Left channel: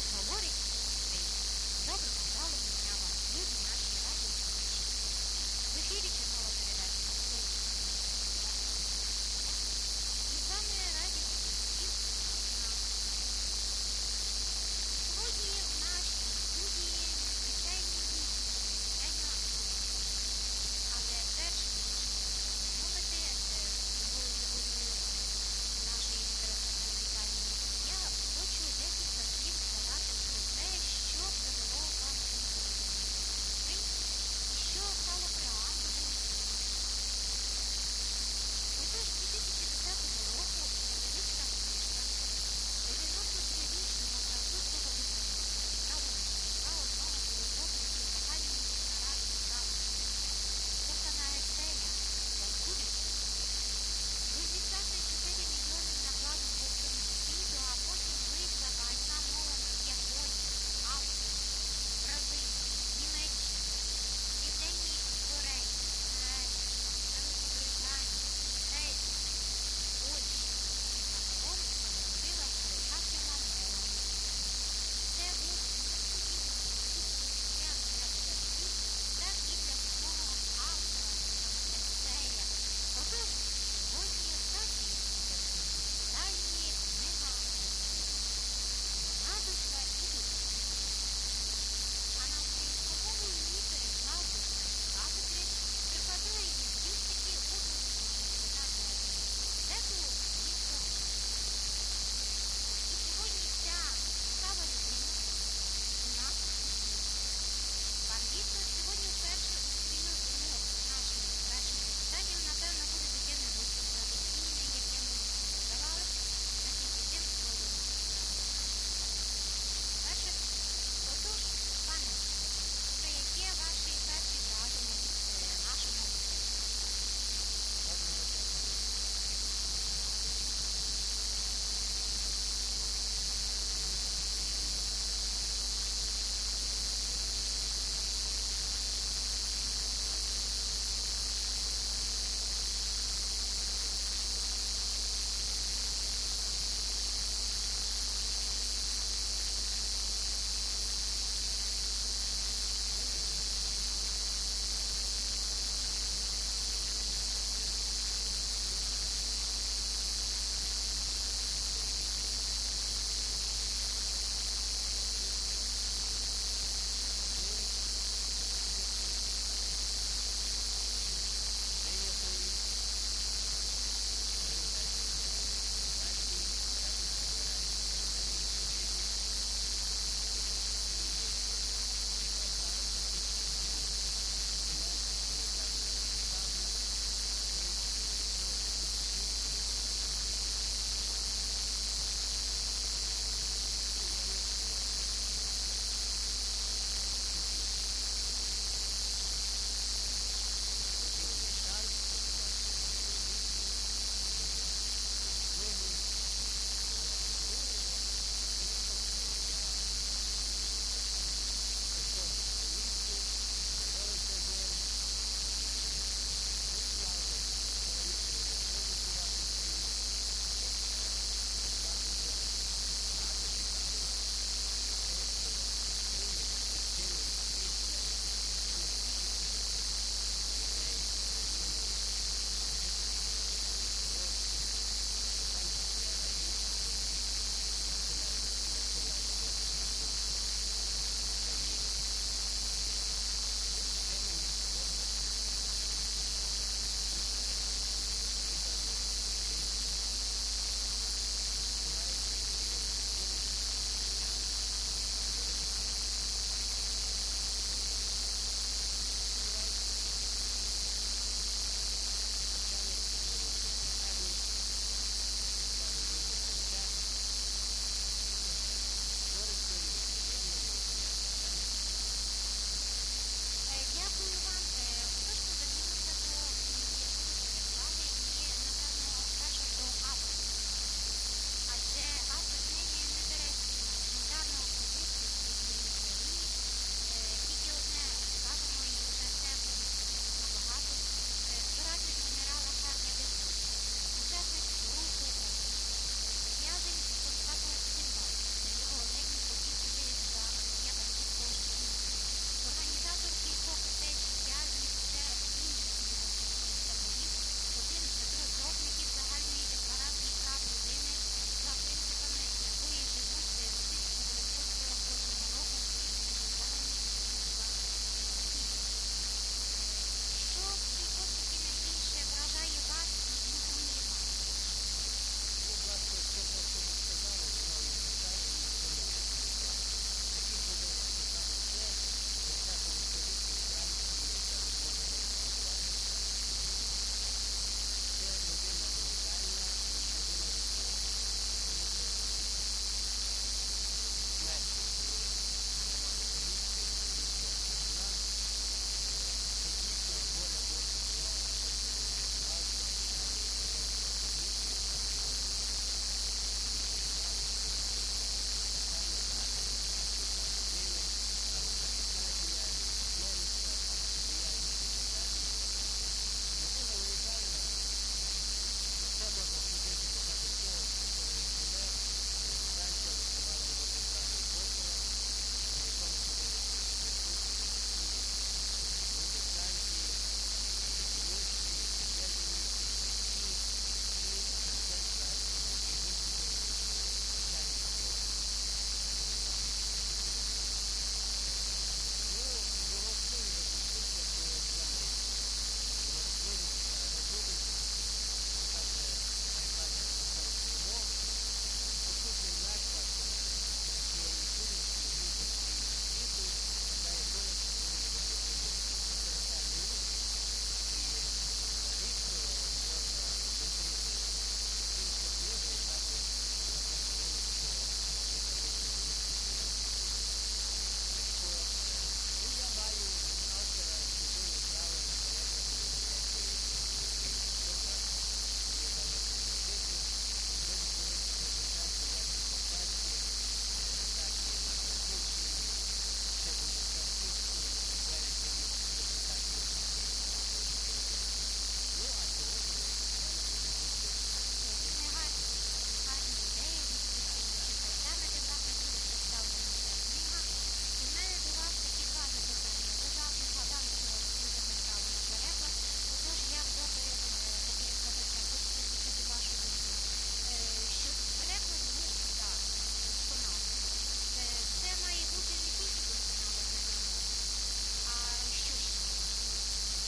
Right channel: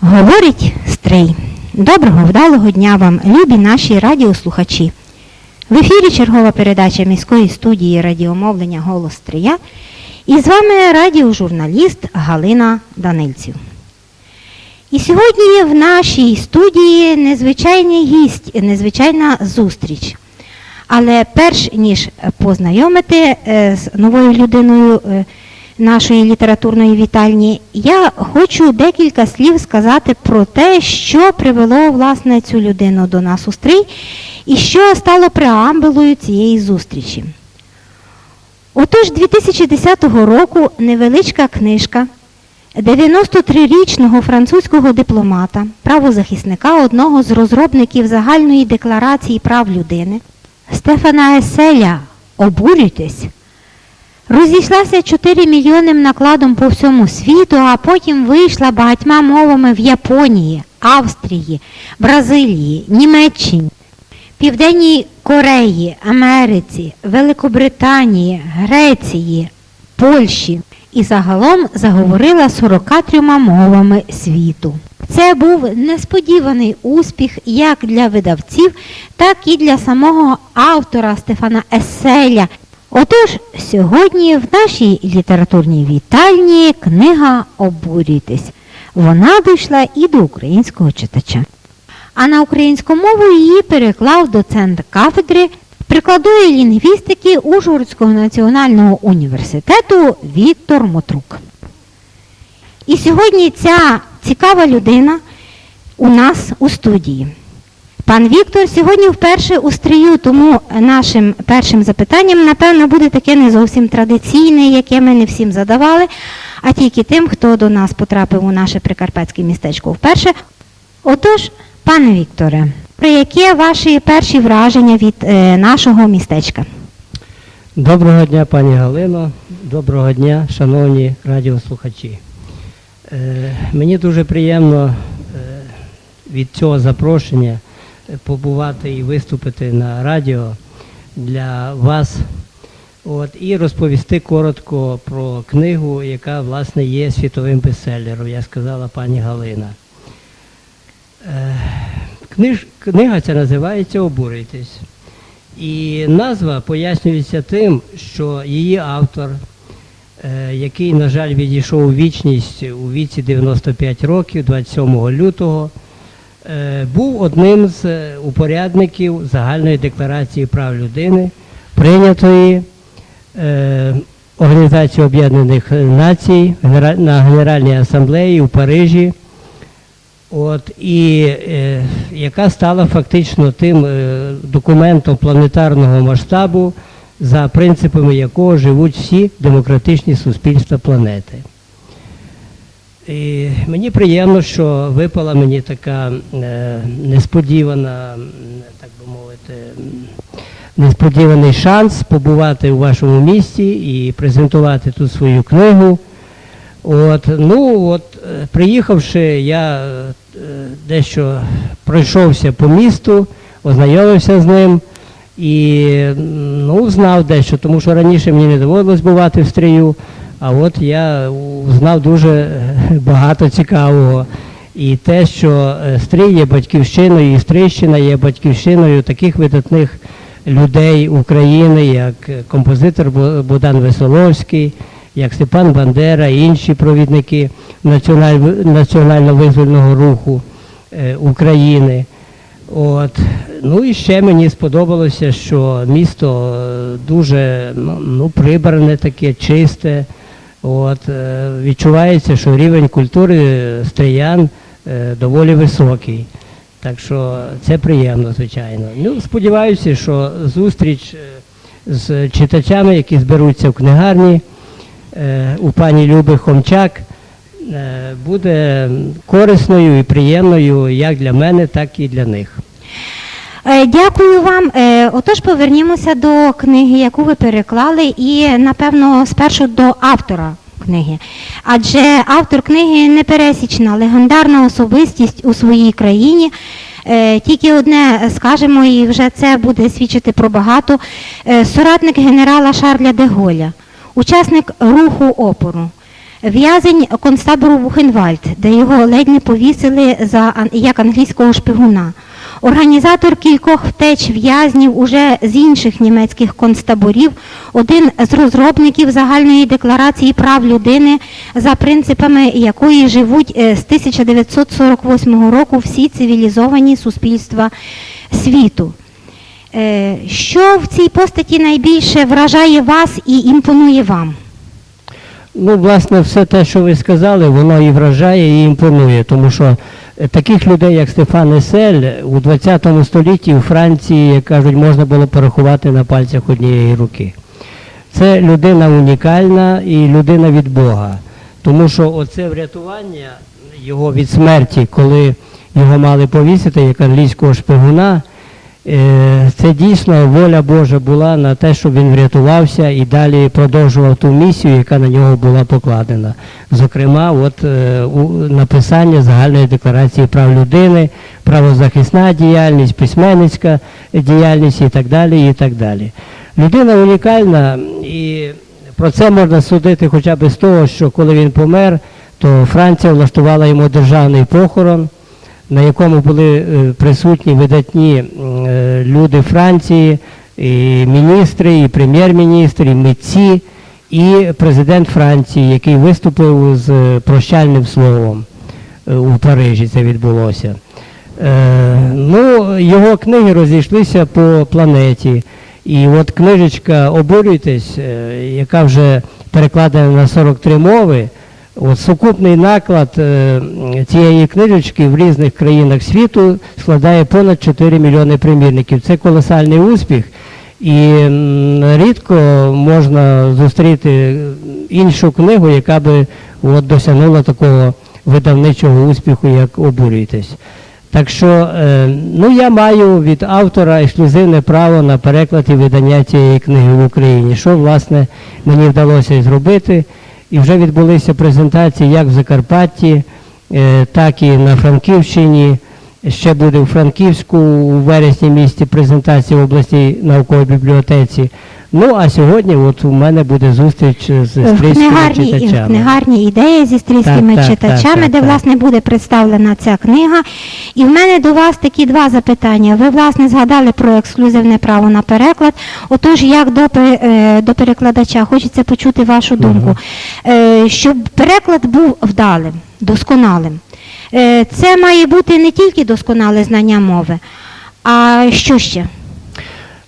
Говорить стрий. Доброго вдалого дня вам, любі наші радіослухачі. В ефірі чергова передача міської студії радіомовлення Голос Стрия. І з вами радіожурналіст Галина Данильців. І сьогодні в нашій студії незвичайний гість, незвичайна зустріч. Але перш ніж познайомити е, з новою людиною е, нашої літературної вітальні, я хочу декілька слів сказати про те, що привело власне цю людину до нас у стрій і що стало преамбулою цієї зустрічі. Отож, 2010 року невеличка книжка 93-річного французького дипломата, правозахисника, одного з розробників загальної декларації прав людини Стефана Еселя Обурюйтесь розійшлася 4 мільйонним накладом по всьому світу, а потім вийшла багатьма мовами в Японії, Австрії, Бразилії, Німеччині, Південній Кореї, Америці, Великобританії, Греції, Польщі і загалом заговорила 43 мовами світу. Це був несподіваний успіх як для видавців, так і для самого автора Стефана Еселя. Отож, сьогодні в нашій літературній вітальні книга Обурюйтесь. Вона дійшла і до українського читача. А на українську мову її переклав доцент кафедри прикладної лінгвістики Ужгородського національного університету Віктор Мотрук. І сьогодні ця цікава людина у нас у студії. Пан Віктор сьогодні вперше у стрію, тому нашим першим запитанням, напевно, буде таке не зовсім традиційне, яке ми не всім задавали, а тільки тим, хто до нас потрапив у наше прикарпатське містечко вперше. Отож, пане Вікторе, про яке ваші перші враження від е, нашого містечка? Доброго дня, пані Галино. Доброго дня, шановні радіослухачі. Е, мені дуже приємно е, від цього запрошення побувати і виступити на радіо для вас. От, і розповісти коротко про книгу, яка власне є світовим бестселером, як сказала пані Галина. Е, книж, книга ця називається Обурюйтесь. І назва пояснюється тим, що її автор, е, який, на жаль, відійшов у вічність у віці 95 років, 27 лютого, був одним з е, упорядників загальної декларації прав людини, прийнятої е, Організацією Об'єднаних Націй на Генеральній асамблеї у Парижі. От, і е, яка стала фактично тим е, документом планетарного масштабу, за принципами якого живуть всі демократичні суспільства планети. І мені приємно, що випала мені така е, несподівана, так би мовити, несподіваний шанс побувати у вашому місті і презентувати тут свою книгу. От, ну от, е, приїхавши, я е, дещо пройшовся по місту, ознайомився з ним і ну, знав дещо, тому що раніше мені не доводилось бувати в стрію, а от я знав дуже е, багато цікавого. І те, що е, стрій є батьківщиною, і Стрийщина є батьківщиною таких видатних людей України, як е, композитор Бо- Богдан Веселовський, як Степан Бандера, інші провідники національно-визвольного руху України. От. Ну і ще мені сподобалося, що місто дуже ну, ну, прибране таке, чисте. От, е, відчувається, що рівень культури стриян е, доволі високий. Так що це приємно, звичайно. Ну, сподіваюся, що зустріч е, з читачами, які зберуться в книгарні у пані Люби Хомчак, буде корисною і приємною як для мене, так і для них. Е, Дякую вам. Е, Отож, повернімося до книги, яку ви переклали, і напевно спершу до автора книги. Адже автор книги непересічна, легендарна особистість у своїй країні. Е, Тільки одне скажемо, і вже це буде свідчити про багато. Соратник генерала Шарля де Голля, учасник руху опору, в'язень концтабору Бухенвальд, де його ледь не повісили за, як англійського шпигуна. Організатор кількох втеч в'язнів уже з інших німецьких концтаборів, один з розробників загальної декларації прав людини, за принципами якої живуть е, з 1948 року всі цивілізовані суспільства світу. Е, Що в цій постаті найбільше вражає вас і імпонує вам? Ну, власне, все те, що ви сказали, воно і вражає, і імпонує, тому що таких людей, як Стефан Есель, у 20 столітті у Франції, як кажуть, можна було порахувати на пальцях однієї руки. Це людина унікальна і людина від Бога. Тому що оце врятування його від смерті, коли його мали повісити як англійського шпигуна, Е, Це дійсно воля Божа була на те, щоб він врятувався і далі продовжував ту місію, яка на нього була покладена. Зокрема, от е, у написання загальної декларації прав людини, правозахисна діяльність, письменницька діяльність і так далі. і так далі. Людина унікальна, і про це можна судити хоча б з того, що коли він помер, то Франція влаштувала йому державний похорон на якому були е, присутні видатні е, люди Франції, і міністри, і прем'єр-міністр, і митці, і президент Франції, який виступив з е, прощальним словом е, у Парижі. Це відбулося. Е, Ну, його книги розійшлися по планеті. І от книжечка Обурюйтесь, яка вже перекладена на 43 мови. От сукупний наклад цієї книжечки в різних країнах світу складає понад 4 мільйони примірників. Це колосальний успіх, і рідко можна зустріти іншу книгу, яка би от, досягнула такого видавничого успіху, як обурюйтесь. Так що е, ну, я маю від автора ексклюзивне право на переклад і видання цієї книги в Україні, що власне мені вдалося зробити. І вже відбулися презентації як в Закарпатті, е, так і на Франківщині. Ще буде у Франківську у вересні місті презентація в обласній науковій бібліотеці. Ну а сьогодні от у мене буде зустріч з стрільськими Книгарні, читачами. книгарні ідеї зі стрільськими Так, читачами, так, так, де так. власне буде представлена ця книга. І в мене до вас такі два запитання. Ви власне згадали про ексклюзивне право на переклад. Отож, як до, е, до перекладача, хочеться почути вашу думку. Е, Щоб переклад був вдалим, досконалим. Е, Це має бути не тільки досконале знання мови, а що ще?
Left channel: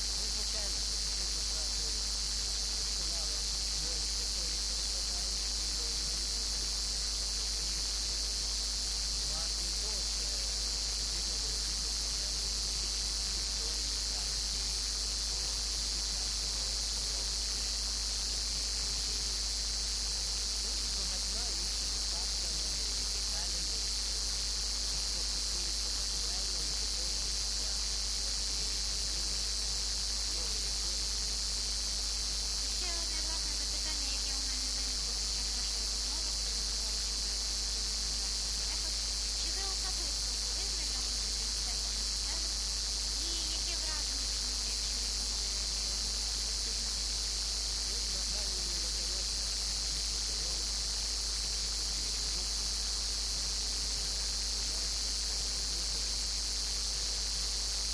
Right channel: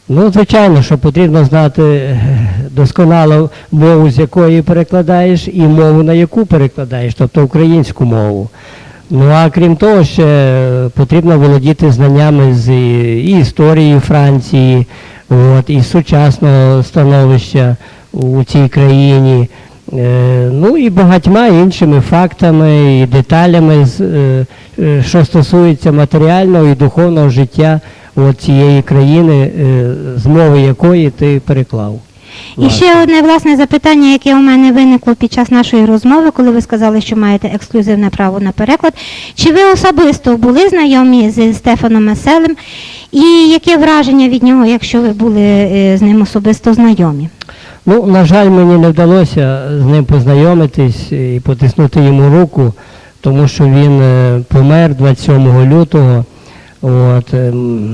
Ну, звичайно, що потрібно знати е, досконало мову, з якої перекладаєш, і мову, на яку перекладаєш, тобто українську мову. Ну а крім того, ще е, потрібно володіти знаннями з і, і історії Франції, от, і сучасного становища у цій країні. Е, ну і багатьма іншими фактами і деталями, е, е, що стосується матеріального і духовного життя от цієї країни, е, з мови якої ти переклав. І ще одне власне запитання, яке у мене виникло під час нашої розмови, коли ви сказали, що маєте ексклюзивне право на переклад. Чи ви особисто були знайомі з Стефаном Меселем? І яке враження від нього, якщо ви були з ним особисто знайомі? Ну, на жаль, мені не вдалося з ним познайомитись і потиснути йому руку, тому що він е, помер 27 лютого. От, ем,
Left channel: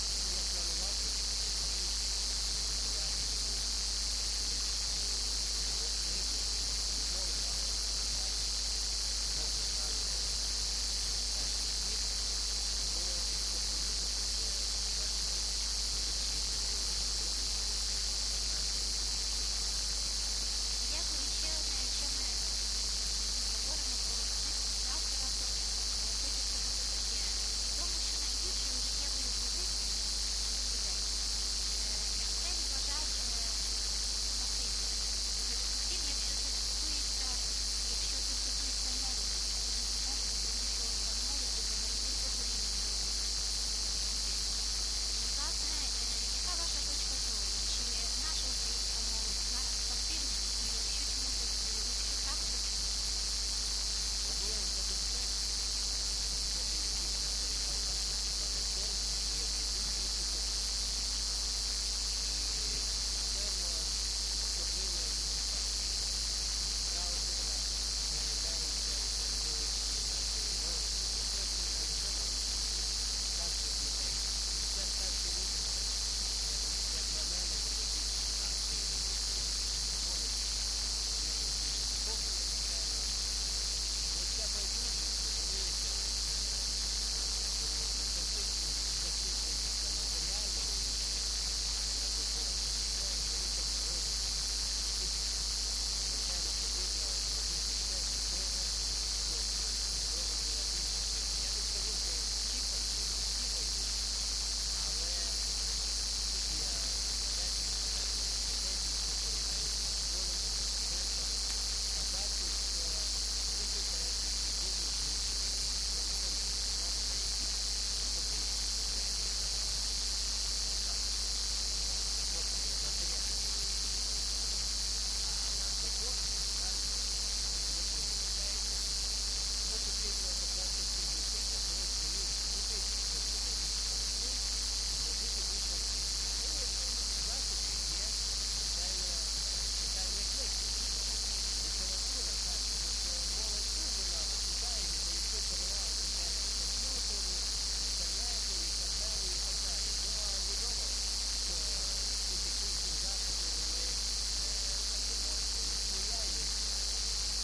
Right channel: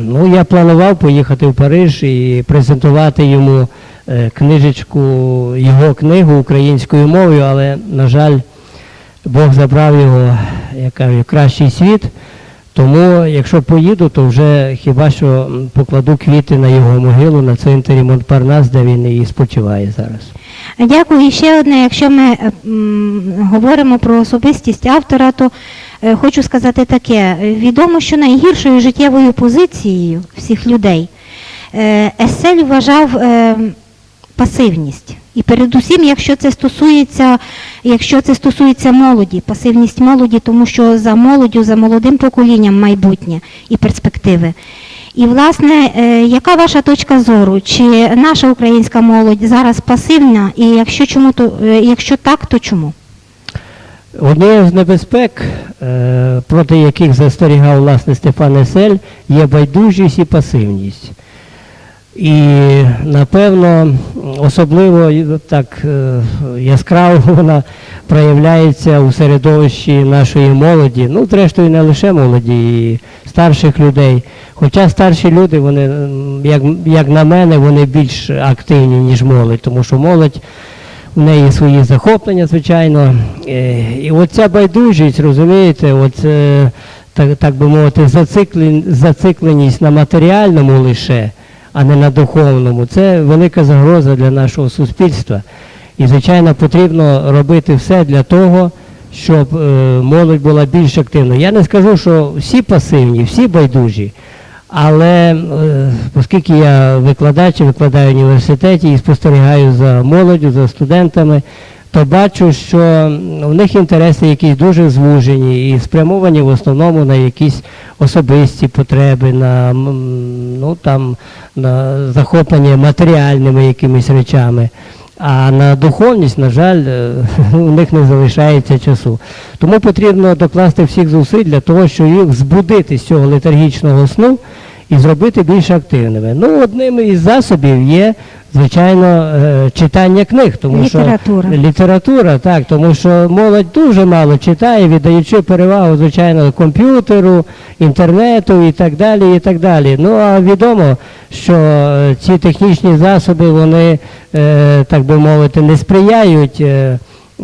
ну, я планував поїхати в Париж і презентувати йому е, книжечку, його книгу українською мовою, але, на жаль, Бог забрав його, я кажу, в кращий світ. Тому, якщо поїду, то вже хіба що покладу квіти на його могилу на цвинтарі Монпарнас, де він і спочиває зараз. Дякую. І ще одне, якщо ми е, говоримо про особистість автора, то е, хочу сказати таке. Відомо, що найгіршою життєвою позицією всіх людей е, Есель вважав е, пасивність. І передусім, якщо це стосується, якщо це стосується молоді, пасивність молоді, тому що за молоддю, за молодим поколінням майбутнє і перспективи. І, власне, е, яка ваша точка зору? Чи наша українська молодь зараз пасивна? І якщо чому то е, якщо так, то чому? Однією з небезпек, е, проти яких застерігав власне Степан Есель, є байдужість і пасивність. І напевно, особливо так е, яскраво вона проявляється у середовищі нашої молоді, ну, зрештою, не лише молоді, і старших людей. Хоча старші люди, вони, як, як на мене, вони більш активні, ніж молодь, тому що молодь в неї свої захоплення, звичайно. Е, І оця байдужість, розумієте, от, е, так, так би мовити, зациклен- зацикленість на матеріальному лише, а не на духовному, це велика загроза для нашого суспільства. І, звичайно, потрібно робити все для того, щоб е, молодь була більш активною. Я не скажу, що всі пасивні, всі байдужі. Але е, оскільки я викладач, викладаю в університеті і спостерігаю за молоддю, за студентами, то бачу, що в них інтереси якісь дуже звужені і спрямовані в основному на якісь особисті потреби, на, ну, там, захоплення матеріальними якимись речами. А на духовність, на жаль, е, у них не залишається часу. Тому потрібно докласти всіх зусиль для того, щоб їх збудити з цього летаргічного сну і зробити більш активними. Ну, одним із засобів є, звичайно, е, читання книг, тому Література. що література, так, тому що молодь дуже мало читає, віддаючи перевагу, звичайно, комп'ютеру, інтернету і так далі. і так далі. Ну а відомо, що е, ці технічні засоби, вони, е, так би мовити, не сприяють.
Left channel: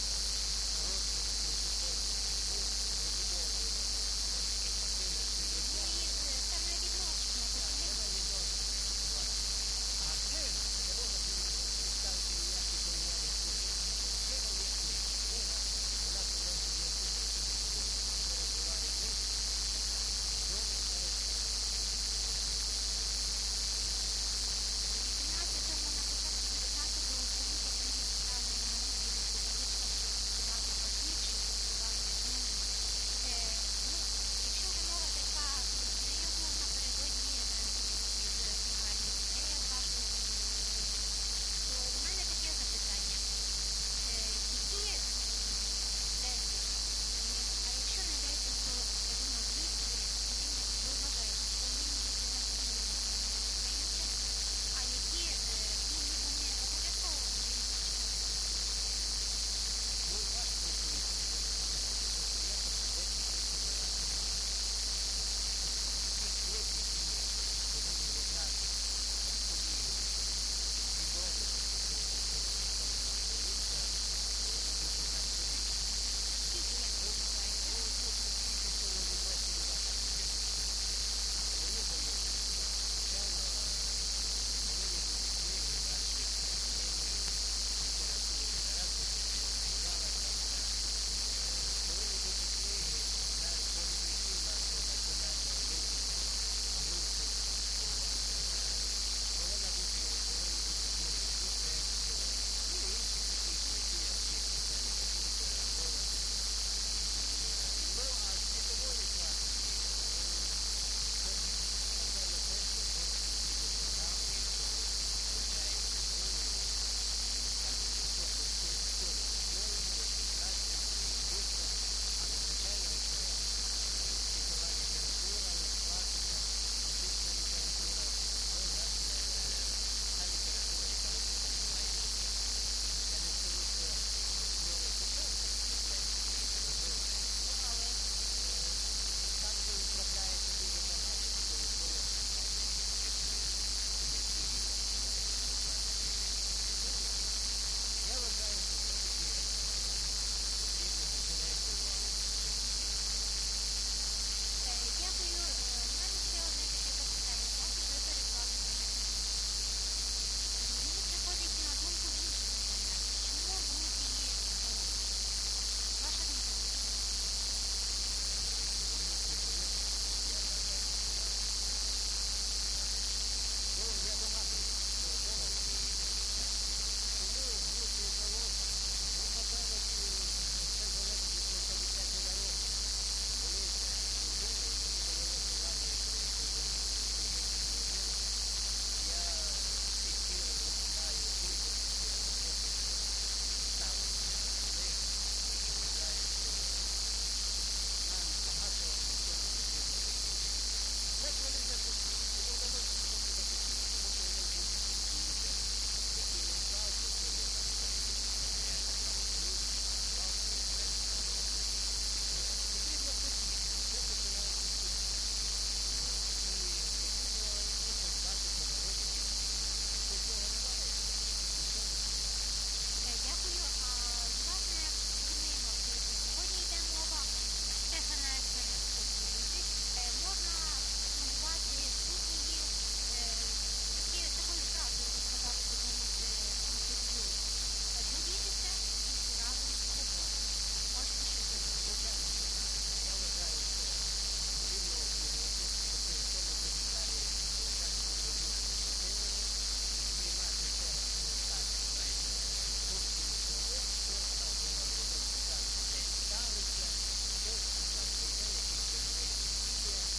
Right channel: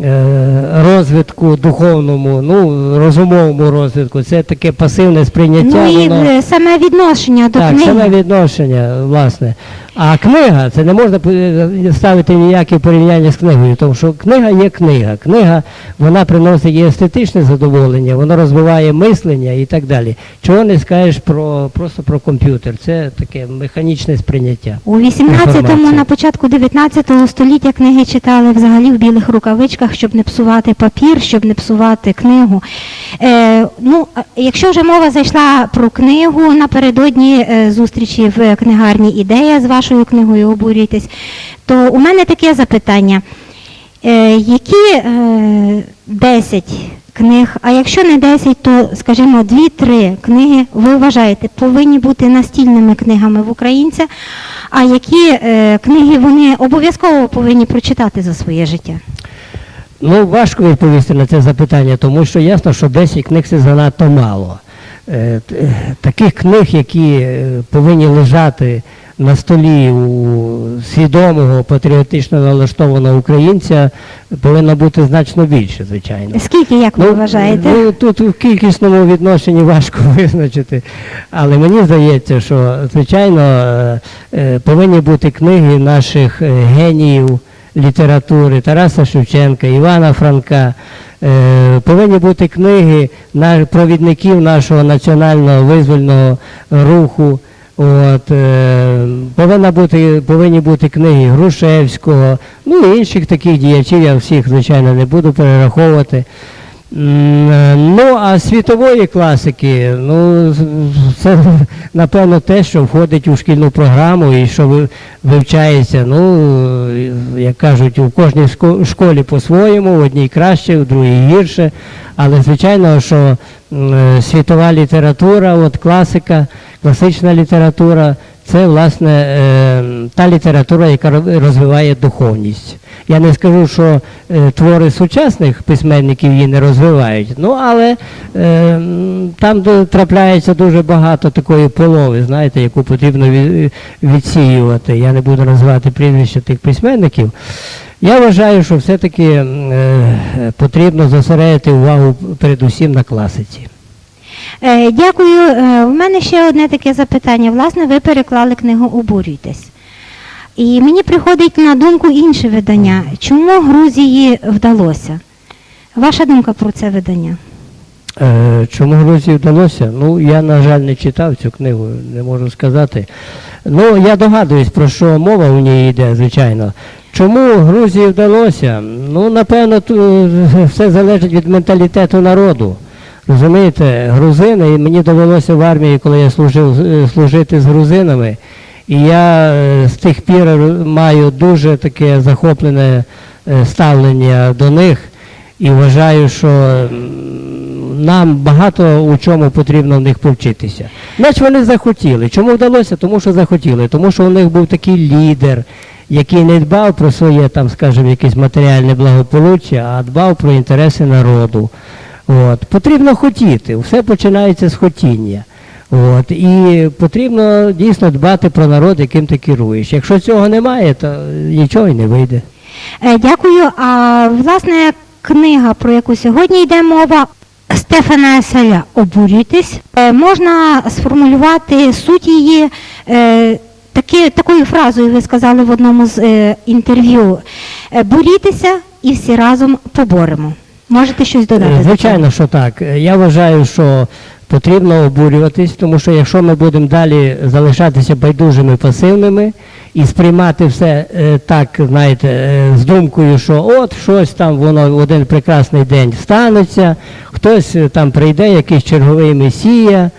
Е, Розвитку духовному, ну розумовому розвитку, це таке пасивне сприйняття. Ну і воно- е, саме відношення до так, книги. саме відношення, власне. А книга, це не можна е, ставити ніяке порівняння з книгою, тому що книга є книга. Книга, вона приносить і естетичне задоволення, вона розвиває мислення і так далі. Чого не скажеш про просто про комп'ютер? Це таке механічне сприйняття. У 18-му, на початку 19 століття книги читали взагалі в білих рукавичках, щоб не псувати папір, щоб не псувати книгу. Е, ну, якщо вже мова зайшла про книгу напередодні е, зустрічі в книгарні ідея з вашою книгою обурюйтесь, то у мене таке запитання. Е, які е, 10 книг, а якщо не 10, то, скажімо, 2-3 книги ви вважаєте повинні бути настільними книгами в українця, а які е, книги вони обов'язково повинні прочитати за своє життя? Ну, важко відповісти на це запитання, тому що ясно, що 10 книг це занадто мало. Е, е, Таких книг, які е, повинні лежати на столі у свідомого патріотично налаштованого українця, повинно бути значно більше, звичайно. Скільки, як ви вважаєте? Ну, тут в кількісному відношенні важко визначити. Але мені здається, що, звичайно, е, е, повинні бути книги наших е, геніїв літератури Тараса Шевченка, Івана Франка. Повинні бути книги провідників нашого національного визвольного руху. От, е, повинна бути, повинні бути книги Грушевського, ну і інших таких діячів, я всіх, звичайно, не буду перераховувати. Е, Ну, а світової класики, ну, це напевно те, що входить у шкільну програму і що вивчається, ну, як кажуть, у кожній школі по-своєму, в одній краще, в другій гірше. Але звичайно, що е, світова література, от класика, класична література, це власне е, та література, яка розвиває духовність. Я не скажу, що е, твори сучасних письменників її не розвивають, ну але е, там трапляється дуже багато такої полови, знаєте, яку потрібно відсіювати. Я не буду називати прізвища тих письменників. Я вважаю, що все-таки потрібно зосередити увагу передусім на класиці. Е, Дякую. Е, У мене ще одне таке запитання. Власне, ви переклали книгу Обурюйтесь. І мені приходить на думку інше видання. Чому Грузії вдалося? Ваша думка про це видання? Е, Чому Грузії вдалося? Ну, я, на жаль, не читав цю книгу, не можу сказати. Ну, я догадуюсь, про що мова у ній йде, звичайно. Чому Грузії вдалося? Ну, напевно, все залежить від менталітету народу. Розумієте, грузини, і мені довелося в армії, коли я служив, е, служити з грузинами, і я е, з тих пір маю дуже таке захоплене е, ставлення до них. і вважаю, що нам багато у чому потрібно в них повчитися. Значить, вони захотіли. Чому вдалося? Тому що захотіли. Тому що у них був такий лідер, який не дбав про своє, там, скажімо, якесь матеріальне благополуччя, а дбав про інтереси народу. От. Потрібно хотіти, все починається з хотіння. От. І потрібно дійсно дбати про народ, яким ти керуєш. Якщо цього немає, то нічого й не вийде. Е, Дякую. А власне книга, про яку сьогодні йде мова, Стефана Еселя Обурюйтесь. Е, Можна сформулювати суть її е, таки, такою фразою, ви сказали в одному з інтерв'ю. Борітеся і всі разом поборемо. Можете щось додати? Е? Звичайно, що так. Е, Я вважаю, що потрібно обурюватись, тому що якщо ми будемо далі залишатися байдужими, пасивними і сприймати все е, так, знаєте, з думкою, що от щось там воно в один прекрасний день станеться, хтось там прийде, якийсь черговий месія.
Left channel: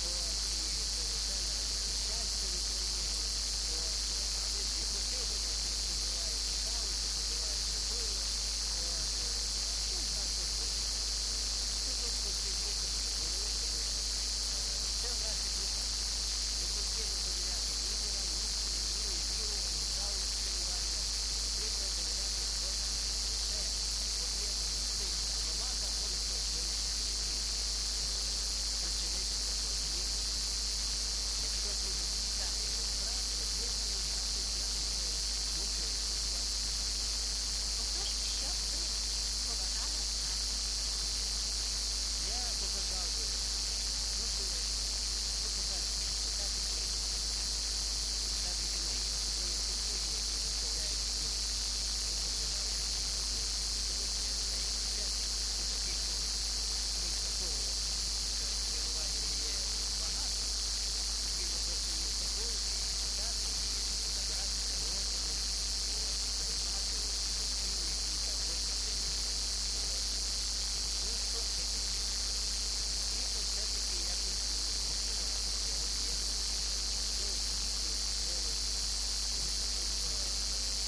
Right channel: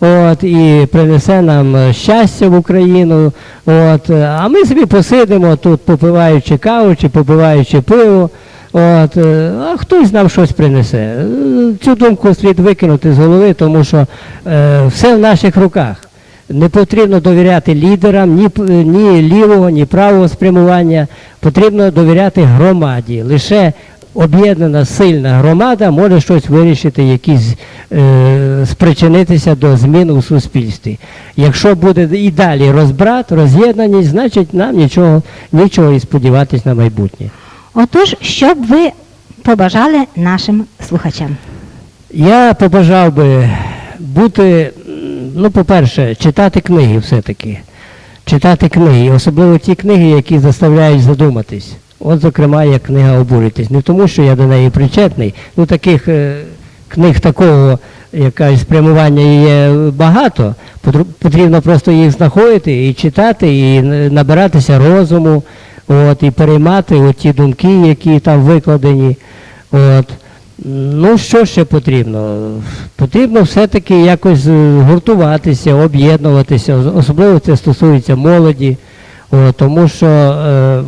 От, і принесе нам щастя в Україну. От, а ми собі посидимо тут, попиваючи каву чи попиваючи пиво. От, е, а хтось нам щось принесе. Е, Цю думку слід викинути з голови, тому що е, все в наших руках. Не потрібно довіряти лідерам ні, ні лівого, ні правого спрямування. Потрібно довіряти громаді. Лише об'єднана сильна громада може щось вирішити, якісь е, спричинитися до змін у суспільстві. Якщо буде і далі розбрат, роз'єднаність, значить нам нічого, нічого і сподіватись на майбутнє. Отож, що б ви побажали нашим слухачам? Я побажав би бути, ну, по-перше, читати книги все-таки. Читати книги, особливо ті книги, які заставляють задуматись. От, зокрема, як книга обуритись. Не тому, що я до неї причетний, ну таких е, книг такого, яка спрямування є багато. Потрібно просто їх знаходити і читати, і н- набиратися розуму, от, і переймати от ті думки, які там викладені. От. Ну, що ще потрібно? Потрібно все-таки якось е, гуртуватися, об'єднуватися, особливо це стосується молоді, О, тому що е,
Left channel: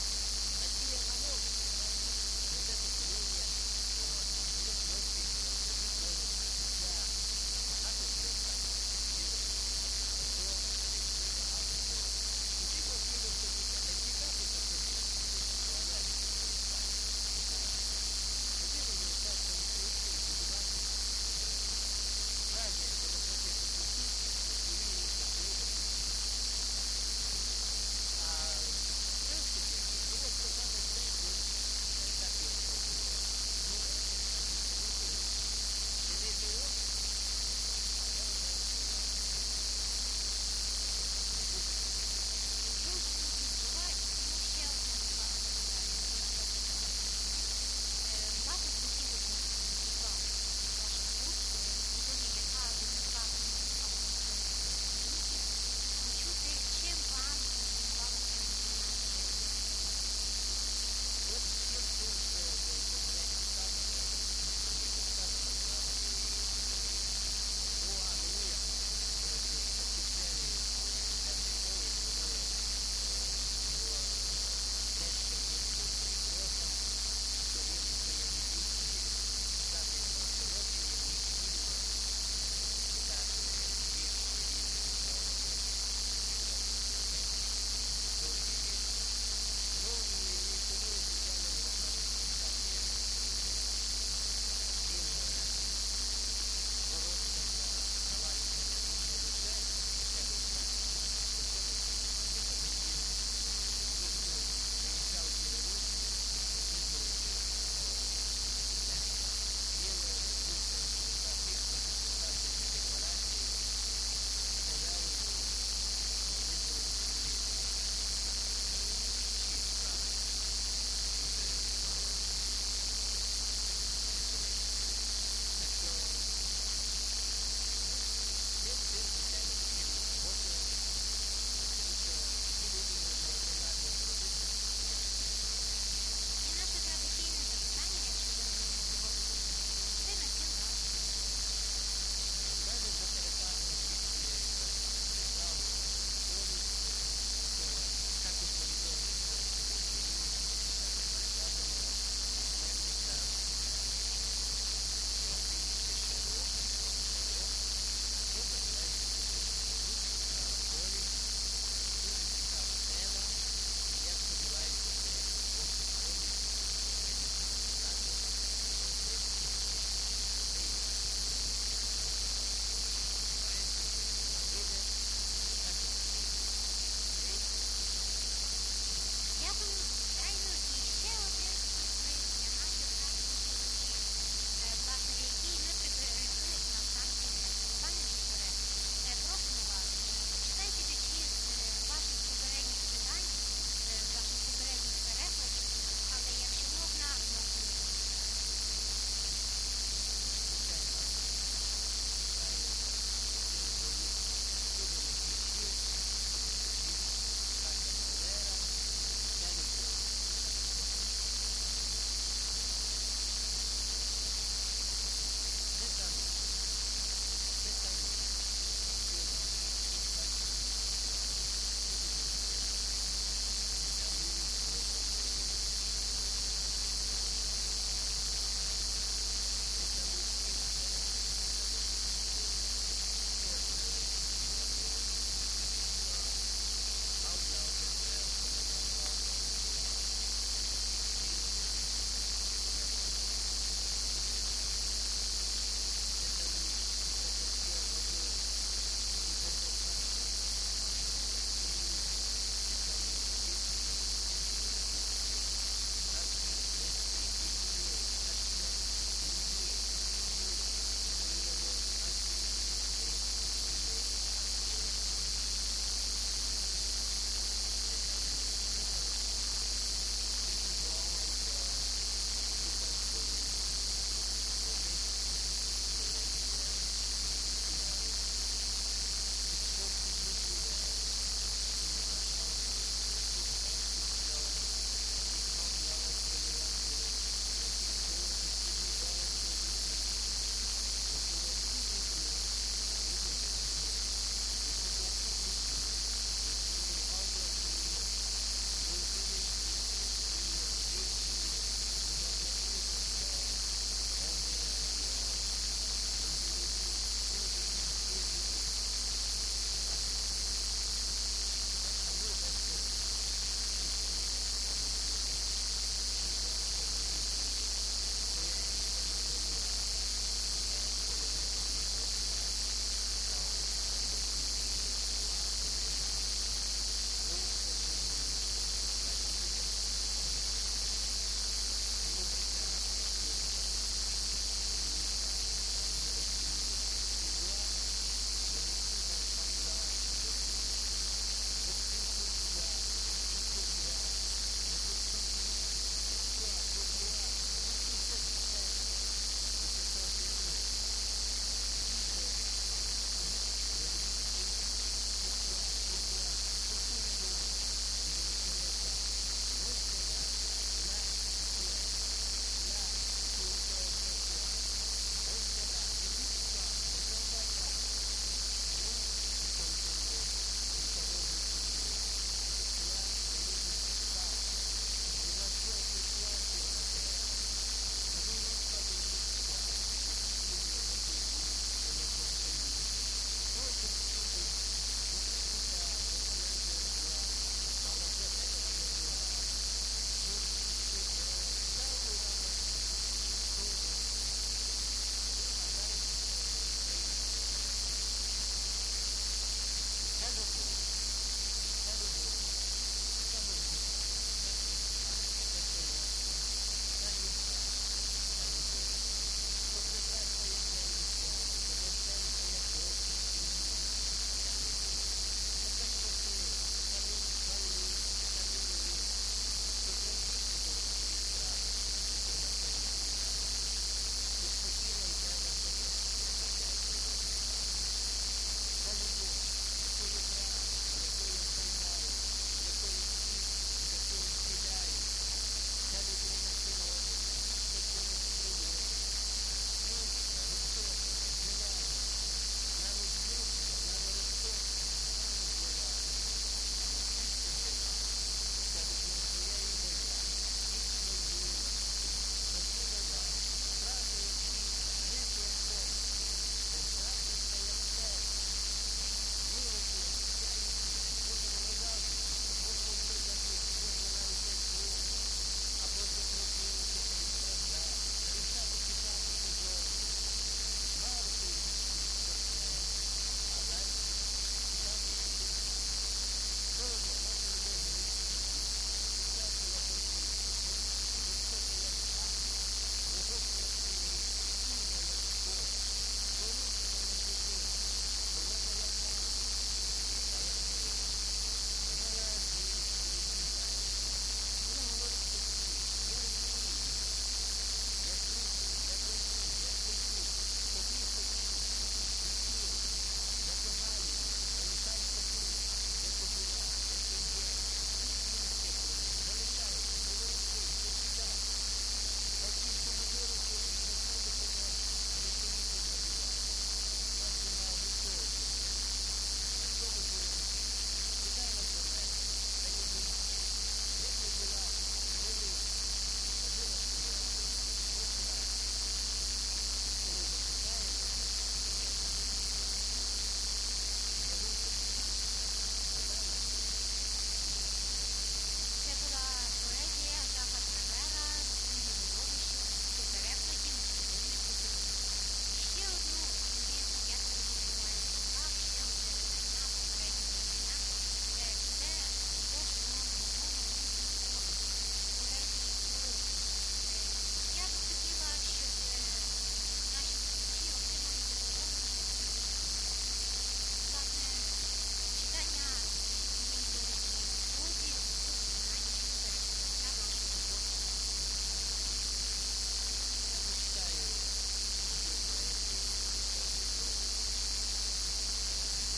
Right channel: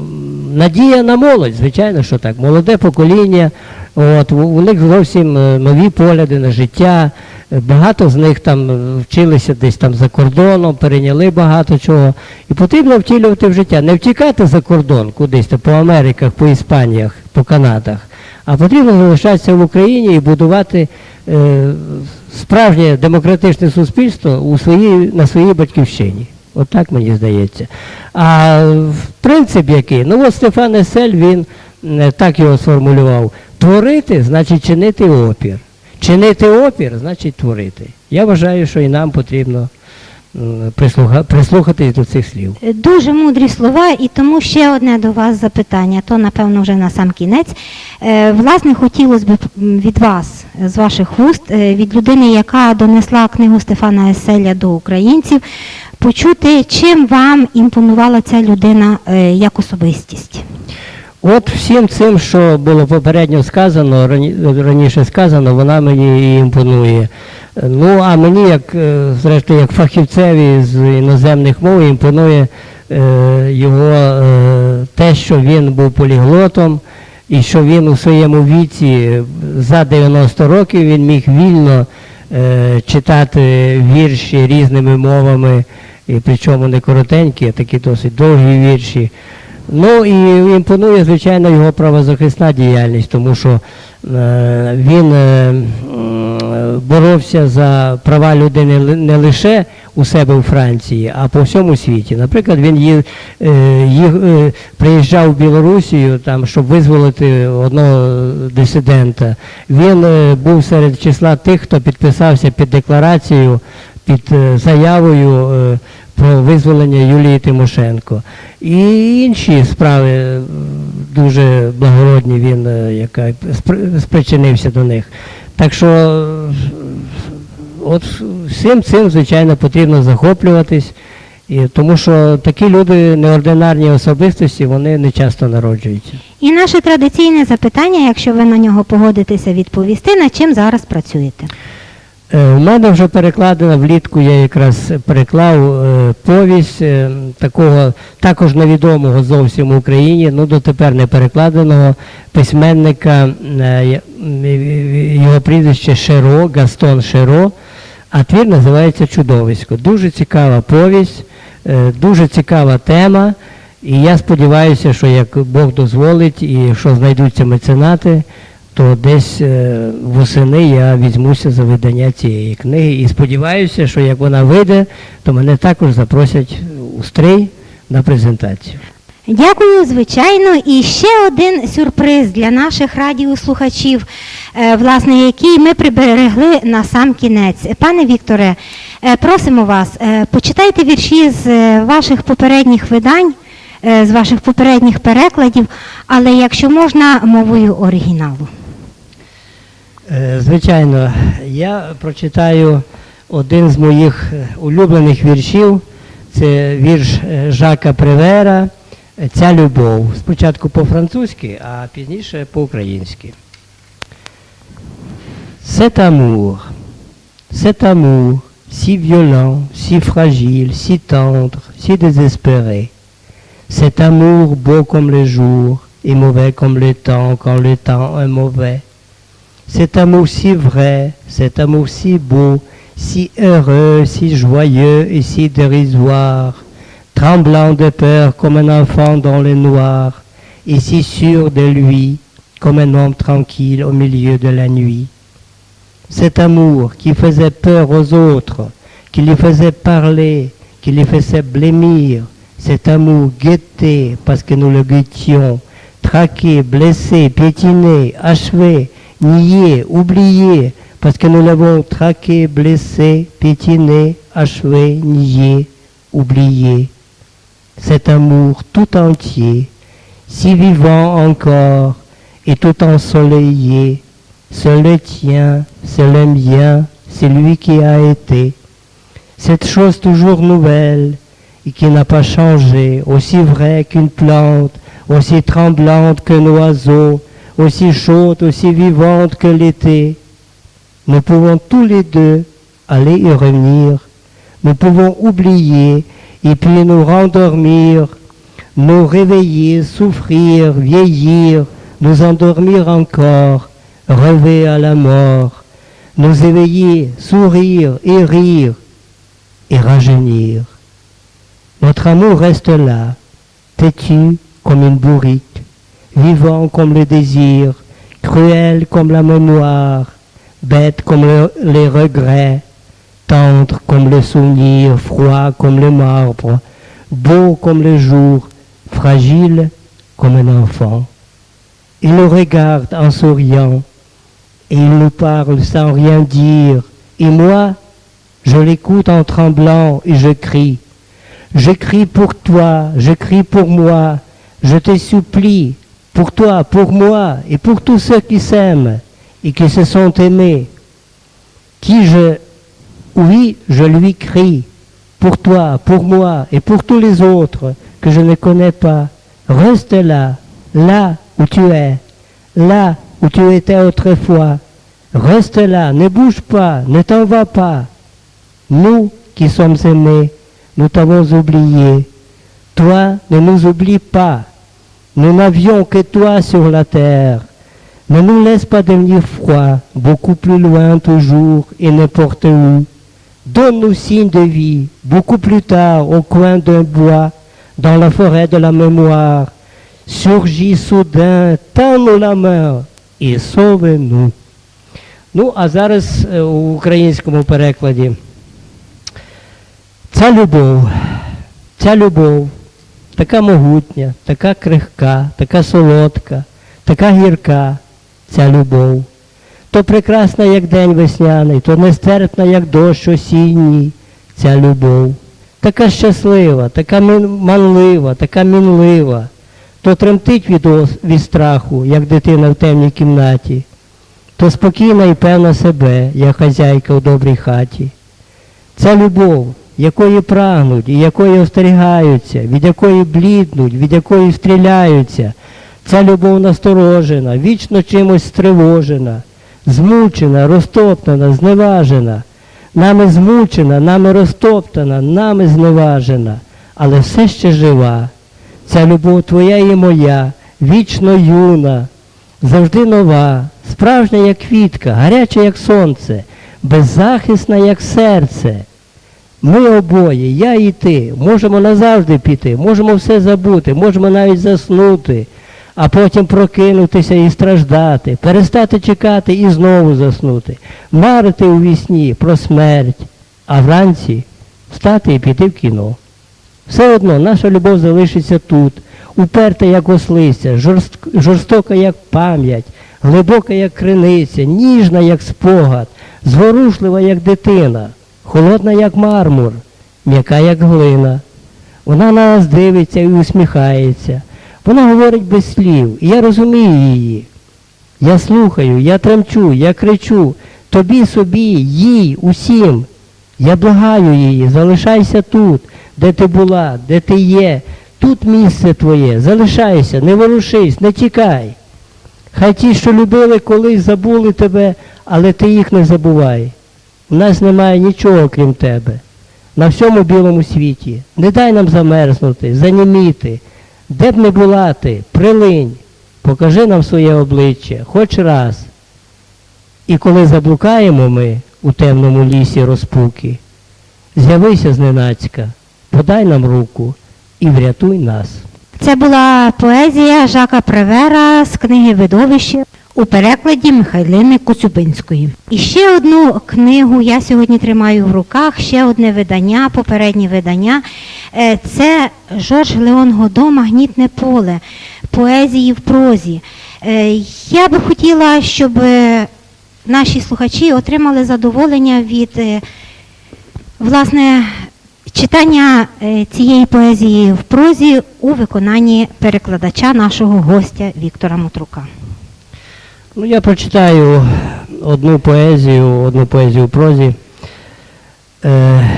надія на молодь, звичайно, що так. Молоде покоління, от, у, у них зовсім е, нові погляди на життя. Багато з них там вчилися десь там за кордоном, перейняли багато чого. І потрібно втілювати в життя. Не втікати за кордон кудись, там, по Америках, по Іспаніях, по Канадах, а потрібно залишатися в Україні і будувати е, справжнє демократичне суспільство у своїй, на своїй батьківщині. От так мені здається. А принцип який? Ну от Стефан Есель, він е, так його сформулював. Творити значить чинити опір. Чинити опір значить творити. Я вважаю, що і нам потрібно прислухатись до цих слів. Дуже мудрі слова, і тому ще одне до вас запитання, то напевно вже на сам кінець. Е, Власне, хотілося б від вас, е, з ваших вуст, е, від людини, яка донесла книгу Стефана Еселя до українців, почути, чим вам імпонувала ця людина е, як особистість. От всім цим, що було попередньо сказано, раніше сказано, вона мені і імпонує. Ну, а мені, як, е, зрештою, як фахівцеві з іноземних мов, імпонує е, його е, те, що він був поліглотом, і що він у своєму віці за 90 років він міг вільно читати вірші різними мовами, і причому не коротенькі, а такі досить довгі вірші. Ну і імпонує, звичайно, його правозахисна діяльність, тому що е, він е, боровся за права людини не лише у себе у Франції, а по всьому світі. Наприклад, він е, їх, приїжджав в Білорусію, там, щоб визволити одного дисидента. Він був серед числа тих, хто підписався під декларацією, під заявою про визволення Юлії Тимошенко. І інші справи дуже благородні він е, яка, спри- спричинився до них. Так що от всім цим, звичайно, потрібно захоплюватись, і, тому що такі люди, неординарні особистості, вони не часто народжуються. І наше традиційне запитання, якщо ви на нього погодитеся відповісти, над чим зараз працюєте? Е, У мене вже перекладена влітку, я якраз переклав е, повість е, такого також невідомого зовсім в Україні, ну дотепер не перекладеного письменника, е, його прізвище Шеро, Гастон Шеро, а твір називається Чудовисько. Дуже цікава повість, е, дуже цікава тема. І я сподіваюся, що як Бог дозволить, і якщо знайдуться меценати, то десь е, восени я візьмуся за видання цієї книги. І сподіваюся, що як вона вийде, то мене також запросять у стрий на презентацію. Дякую, звичайно. І ще один сюрприз для наших радіослухачів, е, власне, який ми приберегли на сам кінець. Пане Вікторе, е, просимо вас, почитайте вірші з ваших попередніх видань, з ваших попередніх перекладів, але якщо можна, мовою оригіналу. Е, Звичайно, я прочитаю один з моїх е, улюблених віршів. Це вірш е, Жака Привера е, Ця любов. Спочатку по-французьки, а пізніше по-українськи. Cet amour, cet amour, si violent, si fragile, si tendre, si désespéré. Cet amour beau comme le jour et mauvais comme le temps quand le temps est mauvais. Cet amour si vrai, cet amour si beau, si heureux, si joyeux et si dérisoire, tremblant de peur comme un enfant dans le noir, et si sûr de lui comme un homme tranquille au milieu de la nuit. Cet amour qui faisait peur aux autres, qui les faisait parler, qui les faisait blêmir, cet amour guetté parce que nous le guettions, traqué, blessé, piétiné, achevé, nié, oublié, parce que nous l'avons traqué, blessé, piétiné, achevé, nié, oublié. Cet amour tout entier, si vivant encore et tout ensoleillé, c'est le tien, c'est le mien, c'est lui qui a été. Cette chose toujours nouvelle et qui n'a pas changé, aussi vraie qu'une plante, aussi tremblante qu'un oiseau, aussi chaude, aussi vivante que l'été. Nous pouvons tous les deux aller y revenir. Nous pouvons oublier et puis nous rendormir, nous réveiller, souffrir, vieillir, nous endormir encore, rêver à la mort, nous éveiller, sourire et rire et rajeunir. Notre amour reste là, têtu comme une bourrique, vivant comme le désir, cruel comme la mémoire, bête comme le- les regrets, tendre comme le souvenir, froid comme le marbre, beau comme le jour, fragile comme un enfant. Il nous regarde en souriant et il nous parle sans rien dire. Et moi, je l'écoute en tremblant et je crie. Je crie pour toi, je crie pour moi, je te supplie, pour toi, pour moi et pour tous ceux qui s'aiment et qui se sont aimés. Qui je, oui, je lui crie, pour toi, pour moi et pour tous les autres que je ne connais pas. Reste là, là où tu es, là où tu étais autrefois. Reste là, ne bouge pas, ne t'en vas pas. Nous qui sommes aimés, nous t'avons oublié. Toi, ne nous oublie pas. Nous n'avions que toi sur la terre. Ne nous laisse pas devenir froid, beaucoup plus loin toujours et n'importe où. Donne-nous signe de vie, beaucoup plus tard, au coin d'un bois, dans la forêt de la mémoire. Surgis soudain, tends-nous la main і sauve-nous. Ну, а зараз е, у українському перекладі. Ця любов, ця любов, така могутня, така крихка, така солодка, така гірка, ця любов. То прекрасна, як день весняний, то нестерпна, як дощ осінній, ця любов. Така щаслива, така манлива, така мінлива, то тремтить від, від страху, як дитина в темній кімнаті, то спокійна і певна себе, як хазяйка в добрій хаті. Ця любов, якої прагнуть і якої остерігаються, від якої бліднуть, від якої стріляються. Ця любов насторожена, вічно чимось стривожена. змучена, розтоптана, зневажена. Нами змучена, нами розтоптана, нами зневажена, але все ще жива. Ця любов твоя і моя, вічно юна, завжди нова, справжня, як квітка, гаряча, як сонце, беззахисна, як серце. Ми обоє, я і ти, можемо назавжди піти, можемо все забути, можемо навіть заснути, а потім прокинутися і страждати, перестати чекати і знову заснути, марити у вісні про смерть, а вранці встати і піти в кіно. Все одно наша любов залишиться тут, уперта, як ослиця, жорстока, як пам'ять, глибока, як криниця, ніжна, як спогад, зворушлива, як дитина, холодна, як мармур, м'яка, як глина. Вона на нас дивиться і усміхається. Вона говорить без слів, і я розумію її. Я слухаю, я тремчу, я кричу, тобі собі, їй, усім. Я благаю її, залишайся тут, де ти була, де ти є. Тут місце твоє, залишайся, не ворушись, не тікай. Хай ті, що любили колись, забули тебе, але ти їх не забувай. У нас немає нічого, крім тебе. На всьому білому світі. Не дай нам замерзнути, заніміти. Де б не була ти, прилинь, покажи нам своє обличчя, хоч раз. І коли заблукаємо ми у темному лісі розпуки, з'явися зненацька, подай нам руку і врятуй нас. Це була поезія Жака Превера з книги Видовище у перекладі Михайлини Коцюбинської. І ще одну книгу я сьогодні тримаю в руках, ще одне видання, попереднє видання. Е, Це Жорж Леон Годо Магнітне поле поезії в прозі. Е, Я би хотіла, щоб е, наші слухачі отримали задоволення від власне читання е, цієї поезії в прозі у виконанні перекладача нашого гостя Віктора Мутрука. Ну, я прочитаю одну поезію, одну поезію в прозі, е,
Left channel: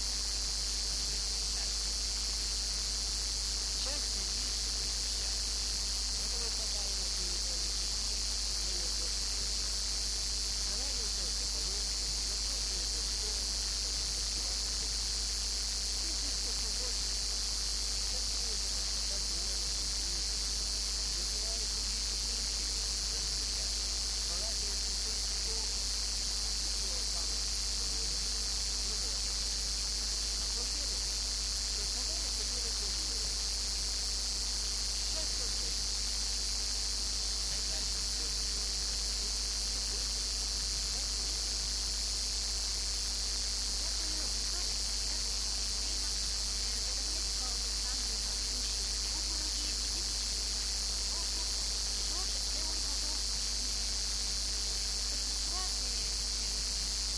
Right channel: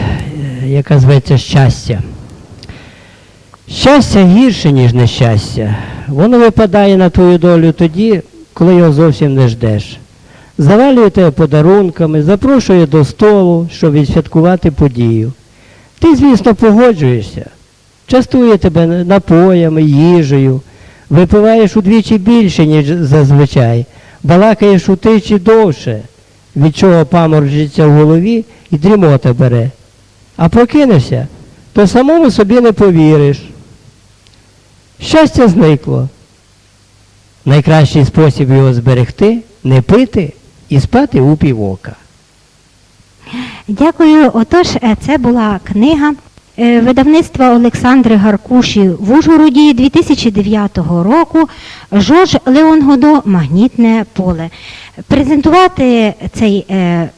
яка зветься Щастя. Щастя гірше, ніж нещастя. Воно випадає на твою долю тоді, коли його зовсім не ждеш. Завалює тебе подарунками, запрошує до столу, щоб відсвяткувати подію. Ти, звісно, погоджуєшся, частує тебе напоями, їжею, випиваєш удвічі більше, ніж зазвичай, балакаєш утичі довше, від чого паморджиться в голові і дрімота бере. А прокинешся, то самому собі не повіриш. Щастя зникло. Найкращий спосіб його зберегти не пити і спати у півока. Дякую. Отож, е, це була книга е, видавництва Олександри Гаркуші в Ужгороді 2009 року Жорж Леон Годо Магнітне поле. Презентувати цей, е,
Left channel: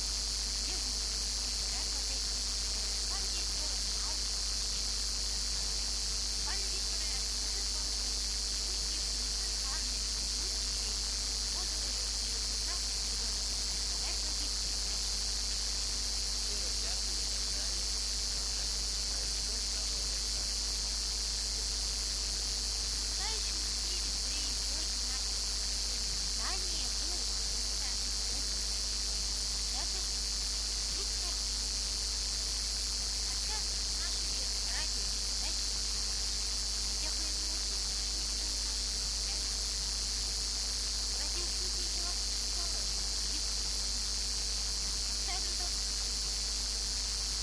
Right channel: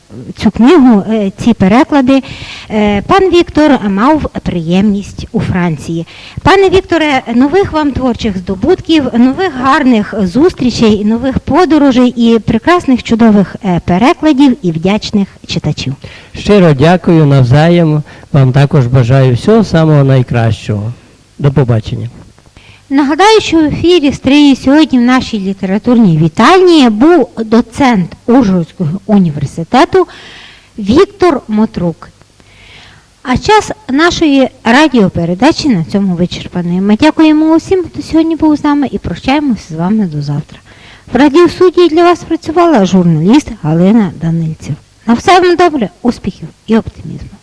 цю книгу, е, ці переклади, е, пан Віктор мав приємність у Франції. Пане Вікторе, нових вам творчих здобутків, нових гарних зустрічей, нових подорожей і прекрасних чудових перекладів і вдячних читачів. Щиро дякую навзаєм. Вам також бажаю всього самого найкращого. До побачення. Нагадаю, що в ефірі стрії сьогодні в нашій літературній вітальні був доцент Ужгородського університету Віктор Мотрук. А час нашої радіопередачі на цьому вичерпаний. Ми дякуємо усім, хто сьогодні був з нами і прощаємося з вами до завтра. В радіосудії для вас працювала журналіст Галина Данильців. На все вам добре, успіхів і оптимізму.